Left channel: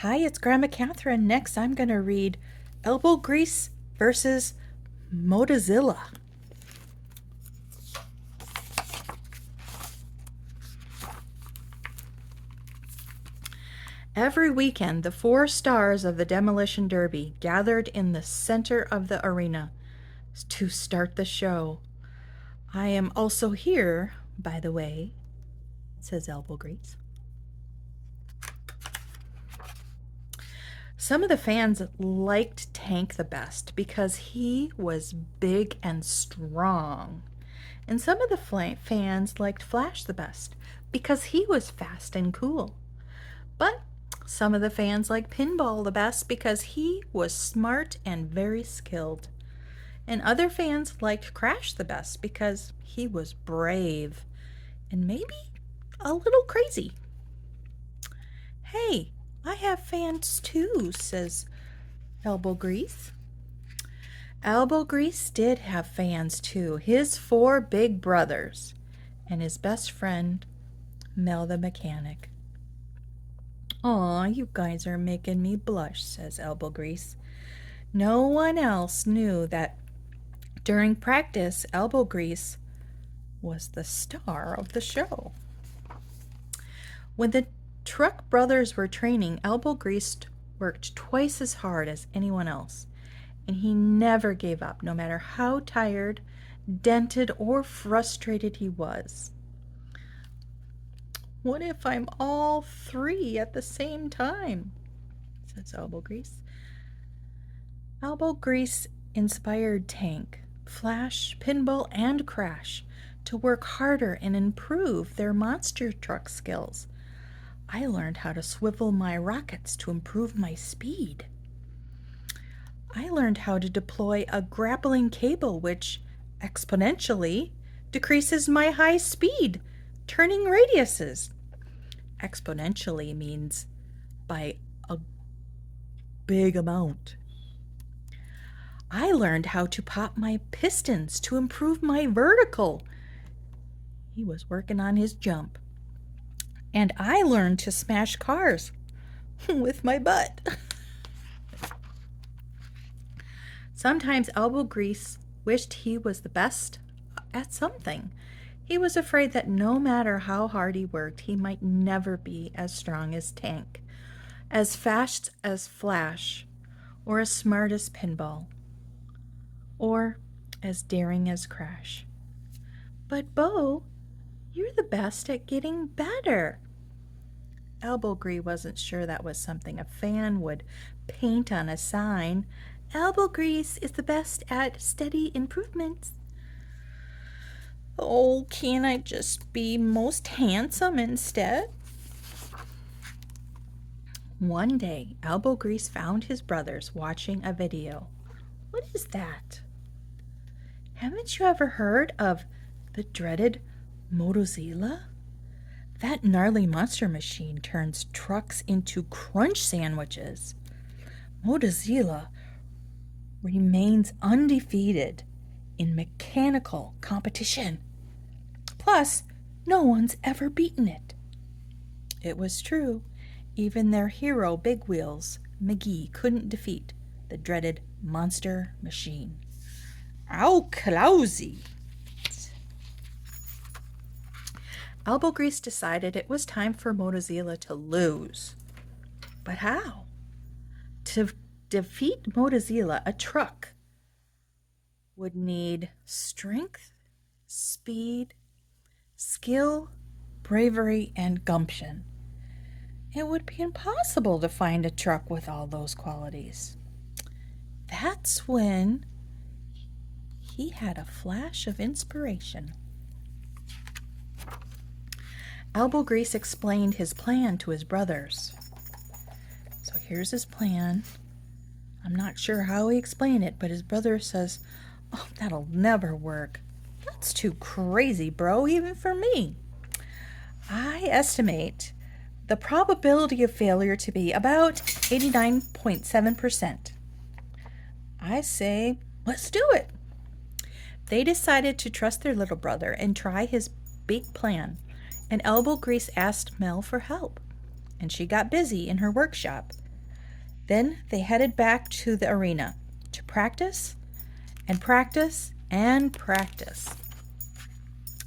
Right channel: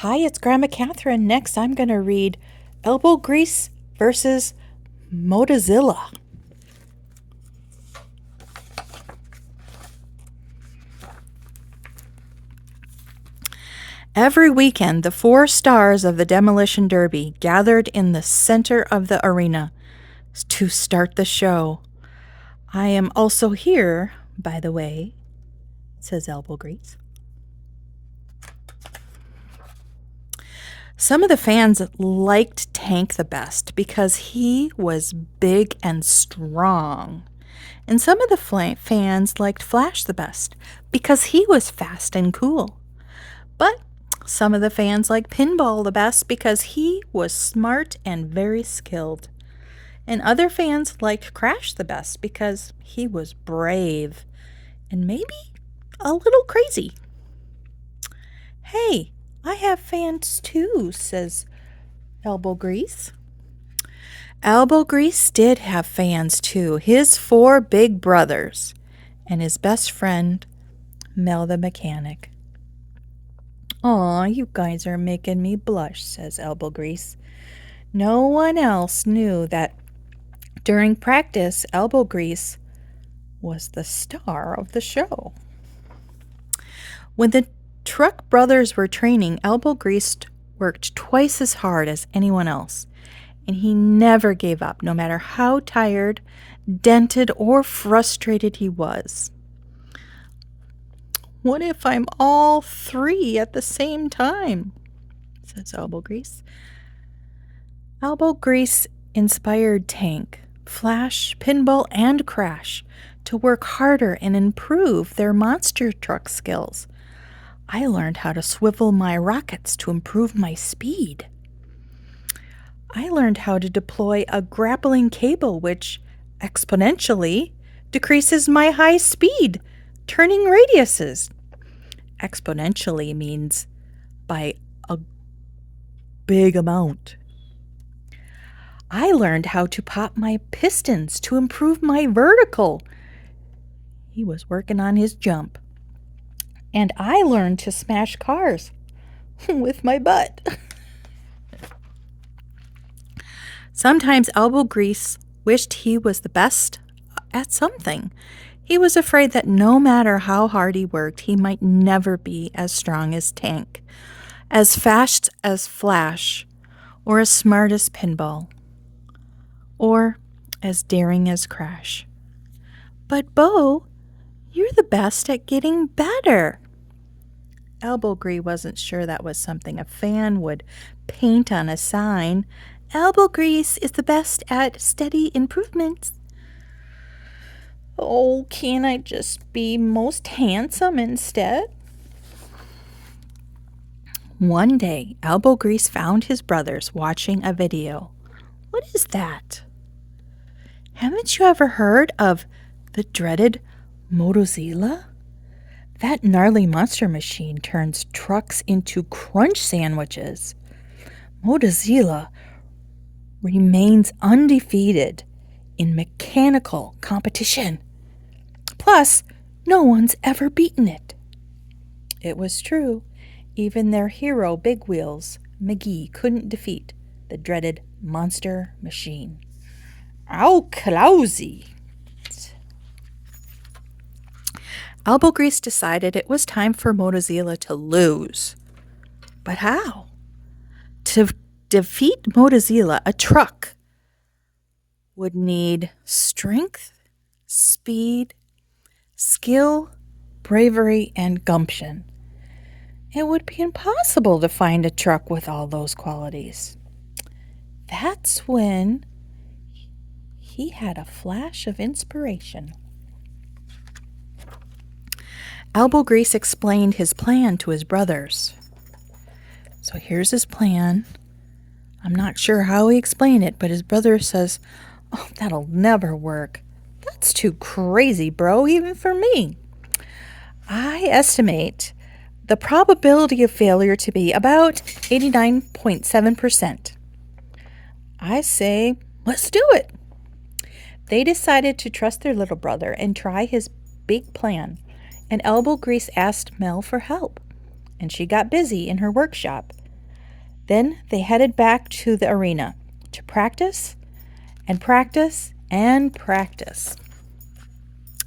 Hi, it's Grandma Catherine. Next, I'm going to read Elbow Grease versus Motozilla. Every weekend, the 4 stars of the Demolition Derby gathered in the center of the arena to start the show. I am also here, by the way, says Elbow Grease. Some of the fans liked Tank the best because he was big and strong. And some of the fans liked Flash the best because he was fast and cool. But some of the fans liked Pinball the best because he was smart and very skilled. And other fans liked Crash the best because he was brave and maybe a little crazy. Hey, I have fans too, says Elbow Grease. Elbow Grease did have fans too, his 4 big brothers and his best friend, Mel the mechanic. Aw, you guys are making me blush, says Elbow Grease. No one else knew that during practice, Elbow Grease was the star of the show. When the Truck brothers were training, Elbow Grease worked twice as hard as anyone else, and he never gave up, no matter how tired, dented, or frustrated he was. What if I'm all 3 at the same time? Says Elbow Grease. Elbow Grease inspired Tank, Flash, Pinball, and Crash to work harder and improve their monster truck skills. I learned how to swivel my rockets to improve my speed. I learned how to deploy a grappling cable which exponentially decreases my high speed turning radiuses. Exponentially means by a big amount. I learned how to pop my pistons to improve my vertical. He was working on his jump. And I learned to smash cars with my butt. Sometimes Elbow Grease wished he was the best at something. He was afraid that no matter how hard he worked, he might never be as strong as Tank, as fast as Flash, or as smart as Pinball, or as daring as Crash. But Bo, you're the best at getting better. Elbow Grease wasn't sure that was something a fan would paint on a sign. Elbow Grease is the best at steady improvements. Oh, can't I just be most handsome instead? One day, Elbow Grease found his brothers watching a video. What is that? Haven't you ever heard of the dreaded Motozilla? That gnarly monster machine turns trucks into crunch sandwiches. Motozilla remains undefeated in mechanical competition. Plus, no one's ever beaten it. It was true. Even their hero, Big Wheels, McGee, couldn't defeat the dreaded monster machine. Ow, Clousy! Elbow Grease decided it was time for Motozilla to lose. But how? To defeat Motozilla, a truck would need strength, speed, skill, bravery, and gumption. It would be impossible to find a truck with all those qualities. That's when he had a flash of inspiration. Elbow Grease explained his plan to his brothers. So here's his plan. I'm not sure how he explained it, but his brother says, "Oh, that'll never work. That's too crazy, bro, even for me. I estimate the probability of failure to be about 89.7%. I say, let's do it." They decided to trust their little brother and try his big plan, and Elbow Grease asked Mel for help, and she got busy in her workshop Then they headed back to the arena to practice and practice and practice.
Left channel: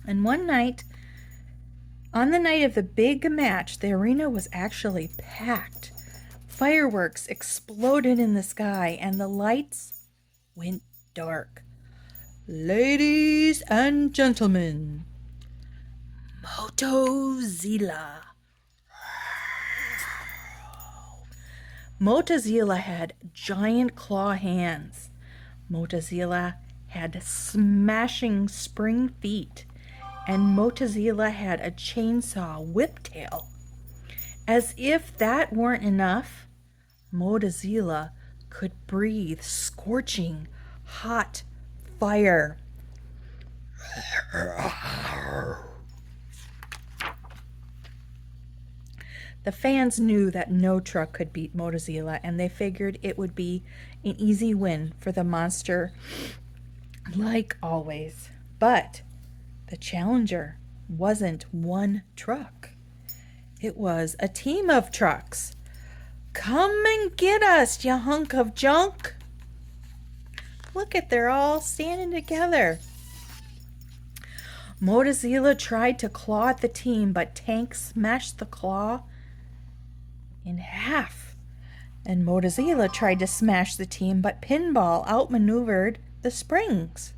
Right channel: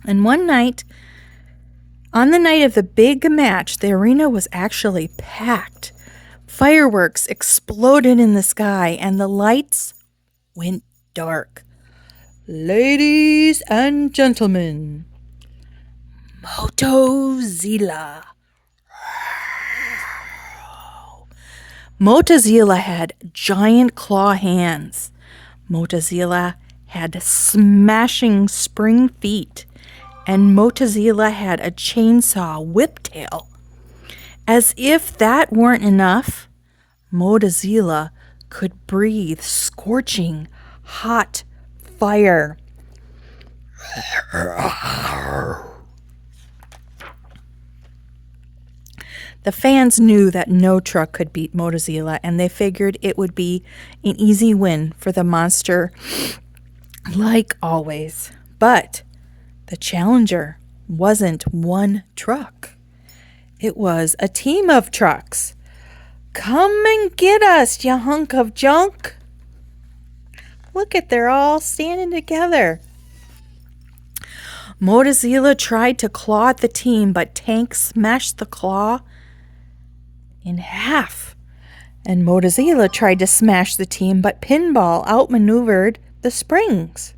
And one night, on the night of the big match, the arena was actually packed. Fireworks exploded in the sky and the lights went dark. Ladies and gentlemen, Motozilla. Motozilla had giant claw hands. Motozilla had smashing spring feet. And Motozilla had a chainsaw whiptail. As if that weren't enough, Motozilla could breathe scorching, hot fire. The fans knew that no truck could beat Motozilla, and they figured it would be an easy win for the monster, like always. But the challenger wasn't one truck. It was a team of trucks. Come and get us, you hunk of junk. Look at, they're all standing together. Motozilla tried to claw at the team, but Tank smashed the claw in half. And Motozilla tried to smash the team, but Pinball outmaneuvered the springs.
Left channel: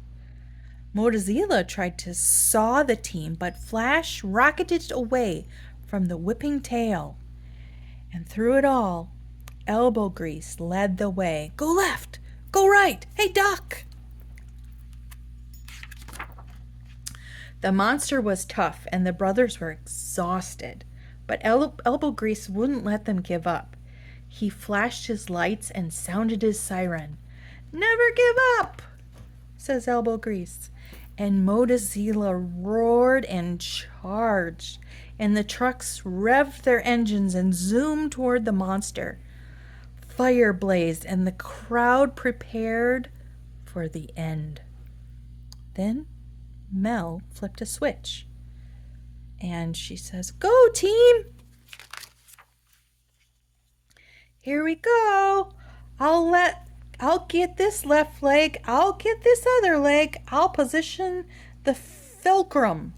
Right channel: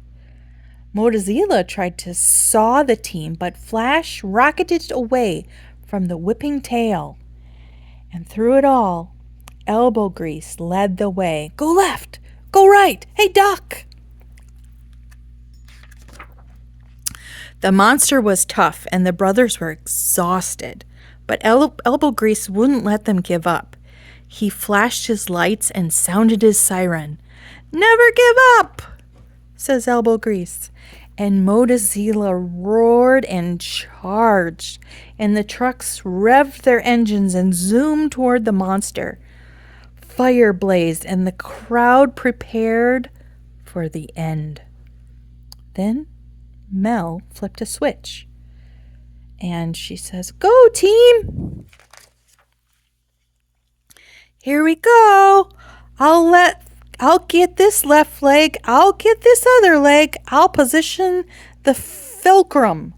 Motozilla tried to saw the team, but Flash rocketed away from the whipping tail. And through it all, Elbow Grease led the way. Go left! Go right! Hey, duck! The monster was tough, and the brothers were exhausted. But Elbow Grease wouldn't let them give up. He flashed his lights and sounded his siren. Never give up, says Elbow Grease. And Motozilla roared and charged, and the trucks revved their engines and zoomed toward the monster. Fire blazed, and the crowd prepared for the end. Then Mel flipped a switch, and she says, "Go, team! Here we go. I'll get this left leg. I'll get this other leg. I'll position the fulcrum.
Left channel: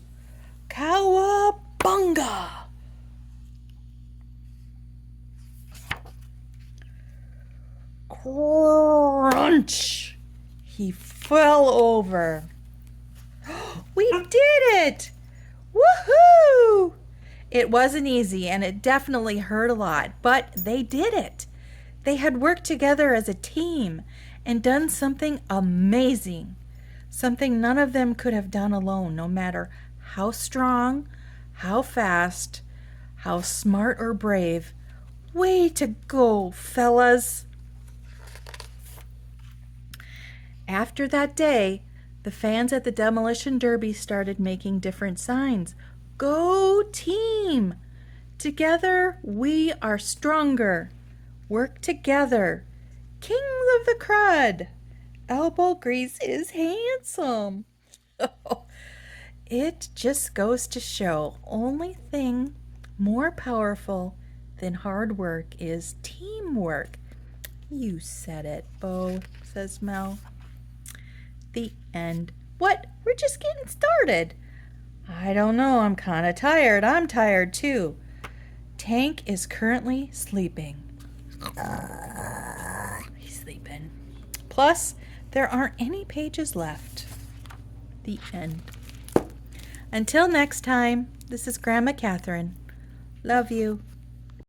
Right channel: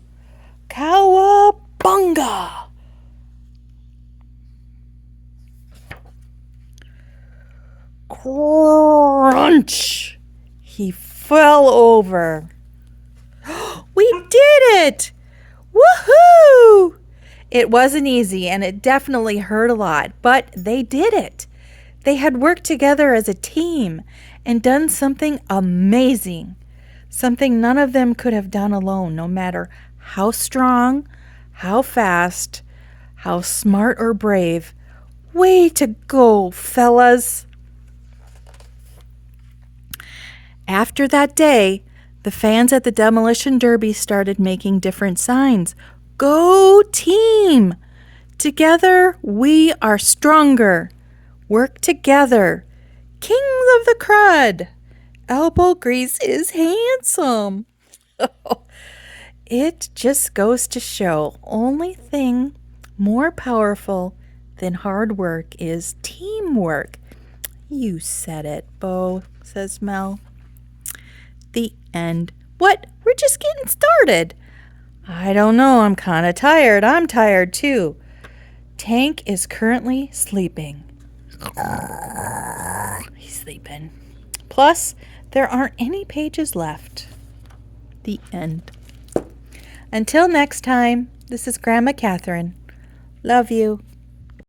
Cowabunga!" Crunch! He fell over. We did it! Woohoo! It wasn't easy, and it definitely hurt a lot, but they did it. They had worked together as a team and done something amazing, something none of them could have done alone, no matter how strong, how fast, how smart or brave. Way to go, fellas! After that day, the fans at the Demolition Derby started making different signs. Go team! Together we are stronger. Work together. Kings of the crud. Elbow Grease is handsome. It just goes to show, only thing more powerful than hard work is teamwork. You said it, Bo, says Mel. The end. What? We're just getting started. I don't know. I'm kind of tired. I'm tired too. Tank is currently sleeping. He's sleeping. Plus, there aren't any pages left. The end. Until next time, this is Grandma Catherine. Love you.